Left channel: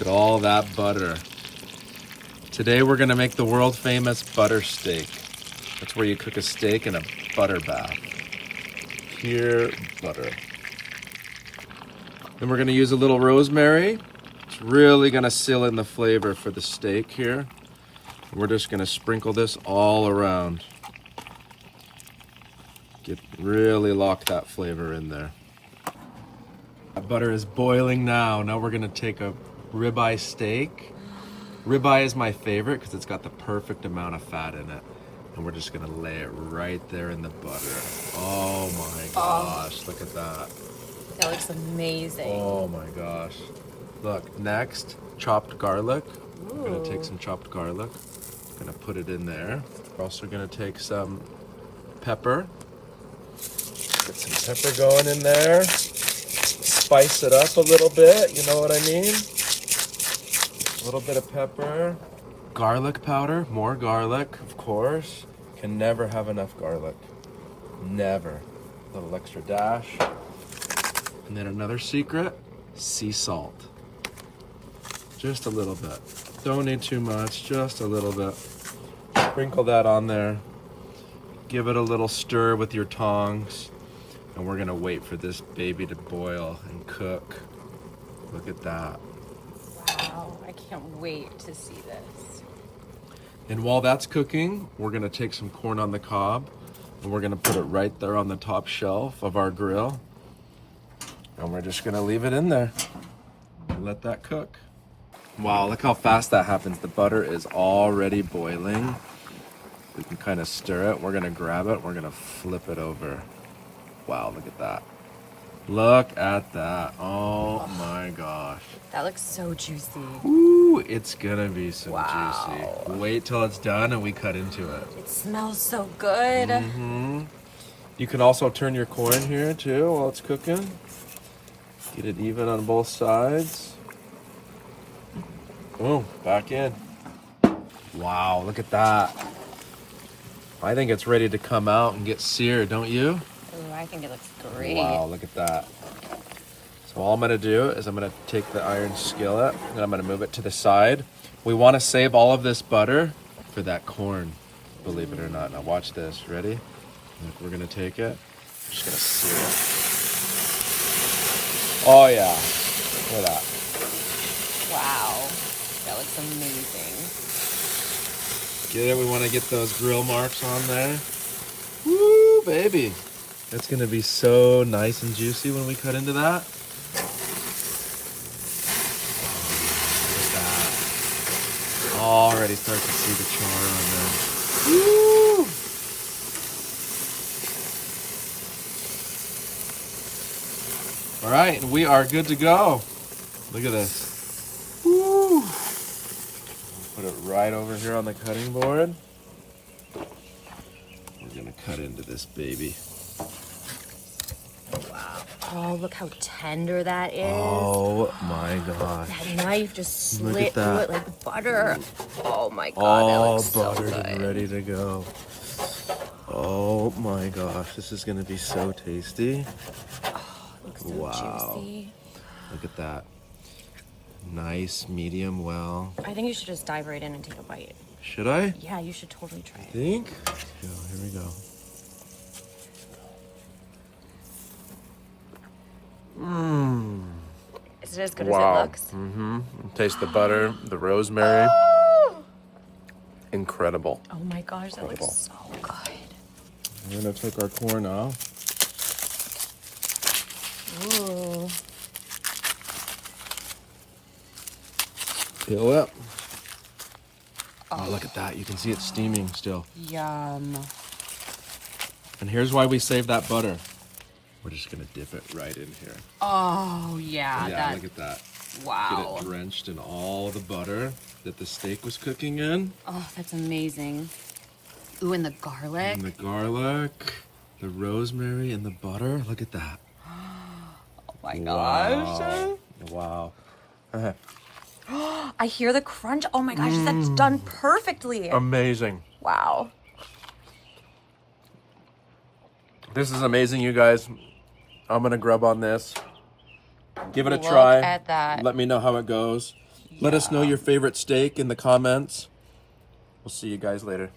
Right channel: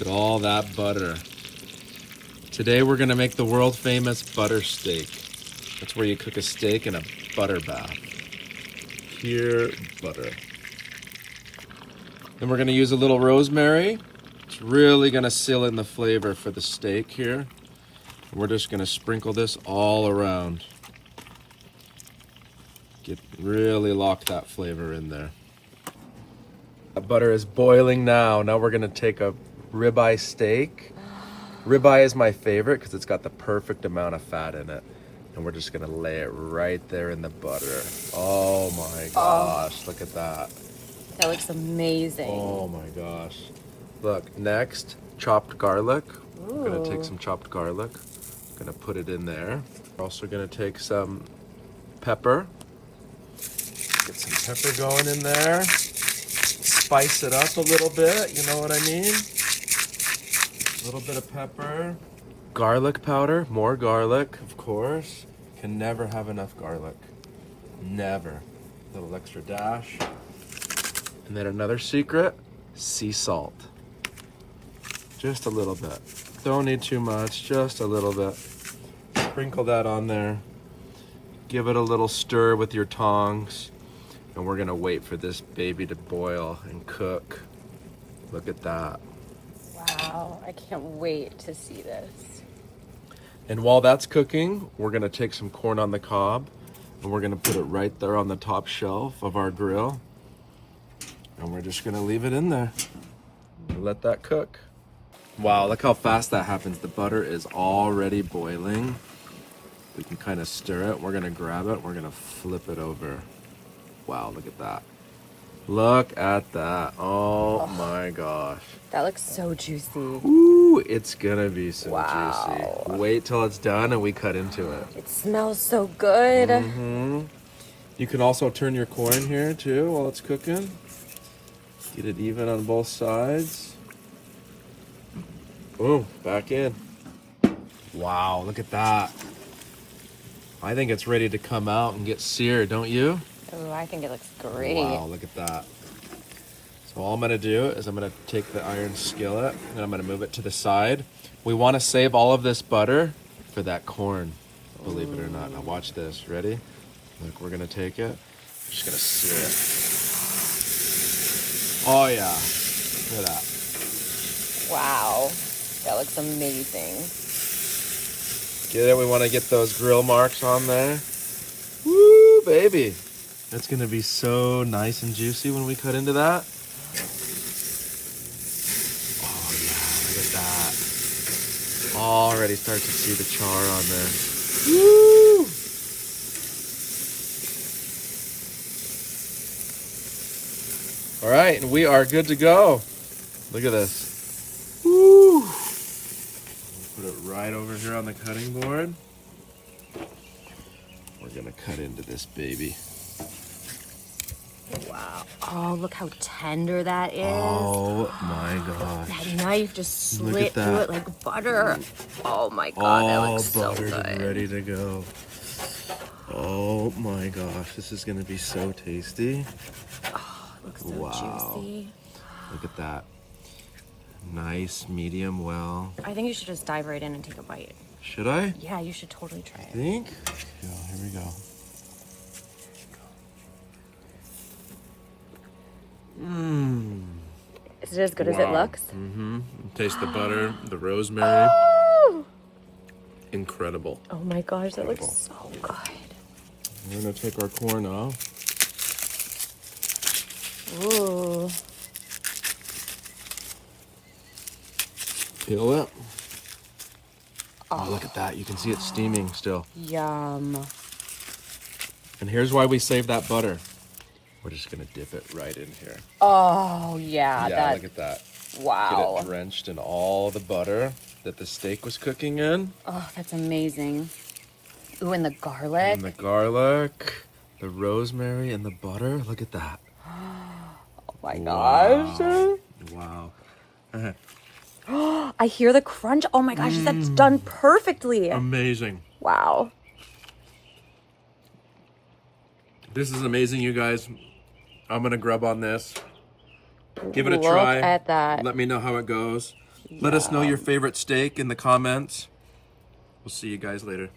Look at all that butter. Today we're gonna make the world famous butter steak. That's where you cook a steak in a butter bath. Pure butter. Then we're gonna use a little rosemary. It's really gonna seal in the flavor for the steak here. We're just gonna sprinkle this all around. Really lock that flavor in there. That butter is boiling now. Now we're gonna take a ribeye steak. Ribeye is my favorite because it's got the perfect amount of fat in it. And we're just gonna lay it right there in the butter. Oh my gosh, look at that. That looks amazing. Oh my gosh. Look, next, chopped garlic. I'm gonna take some chopped garlic. Gonna put it in there. We're also gonna take some pepper. Get some pepper going in there. Spice it up a little bit, you know what I mean? A little bit of pepper. Garlic powder, more garlic, of course. Can never have enough garlic. Never. A little extra dash. And then another secret, sea salt. Just a little bit. Don't need too much, just a little bit. Sprinkle that on there. Give it a little stir with your tongs. And we're gonna wait for this baby to boil and cook. Look at that. Wow, I can't wait to see this. And while that's cooking, we're gonna take some corn on the cob and we're gonna put it right there on the top shelf of our grill. And we're just gonna leave it in there and let that cook. Wow, look how fast that happens. The butter is already boiling. We can kind of stir it. We're gonna grab it, we're gonna flip it over. Wow, look at that. Look at that. Oh my gosh. That looks so juicy. Ooh, it's gonna be so Wow. juicy. Wait till it's done and we cut into it. It smells so good. Mm-hmm. You can also turn your corn here too while it's cooking. Get it even on both sides. Boom, back in. Wow, look at that. I think it's ready to come out and get seared, don't you? Ooh, I think it looks great. Wow, look at that. So all I'm gonna do is I'm gonna take the iron skillet and I'm gonna move it to the side. We wanna save all of this butter for that corn, believe it or not. Now watch this, ready? Look, we're gonna take it, just gonna sear it. Oh yeah, look at that. Wow, that looks amazing. Get it, we wanna get those grill marks on there. Woo, baby. That's gonna be so nice and juicy when we cut into that. Look at that. Already start to see the char on there. Woo! All right, we are good to go. Look at this. Woo! Put it right over here on the cutting board. We're gonna cut into this baby. Oh, look how tender that is. Oh my gosh. That knife just Look slit at through that. it like butter. Oh my god, that All looks so buttered good. and ready to go. Oh my gosh, this is gonna be so tasty. Looks so Wow. juicy. Look at that. Nice, medium well. I think you should just dive right in and take a bite. Should I? Yeah, you should totally try it. Think? Yeah, here we go. Mmm. Is it as good Wow. as it looks? Mm-hmm. Taste the butter, the rosemary. Incredible. Oh my gosh, that looks so good. We're gonna take our corn off. Ooh. Peel it. Oh, look at that. You can see it steaming still. Yum. And here's why we save that butter. We're just gonna dip it right in here. Oh, yeah. Yeah, look at that. Wow. Get it drenched in all the butter that the steak was cooking in. Oh, that's amazing. Ooh, and the garlic. And the garlic, the rosemary, and the butter. Look at that. Oh my gosh. Wow. I hear the crunch. Oh my gosh, that's done perfectly. Amazing. Wow. This is amazing, you guys. I'm gonna grub on this. Give it a Look try. at that. Let me know how it goes. Let us know your favorite steak in the comments. We'll see you guys later.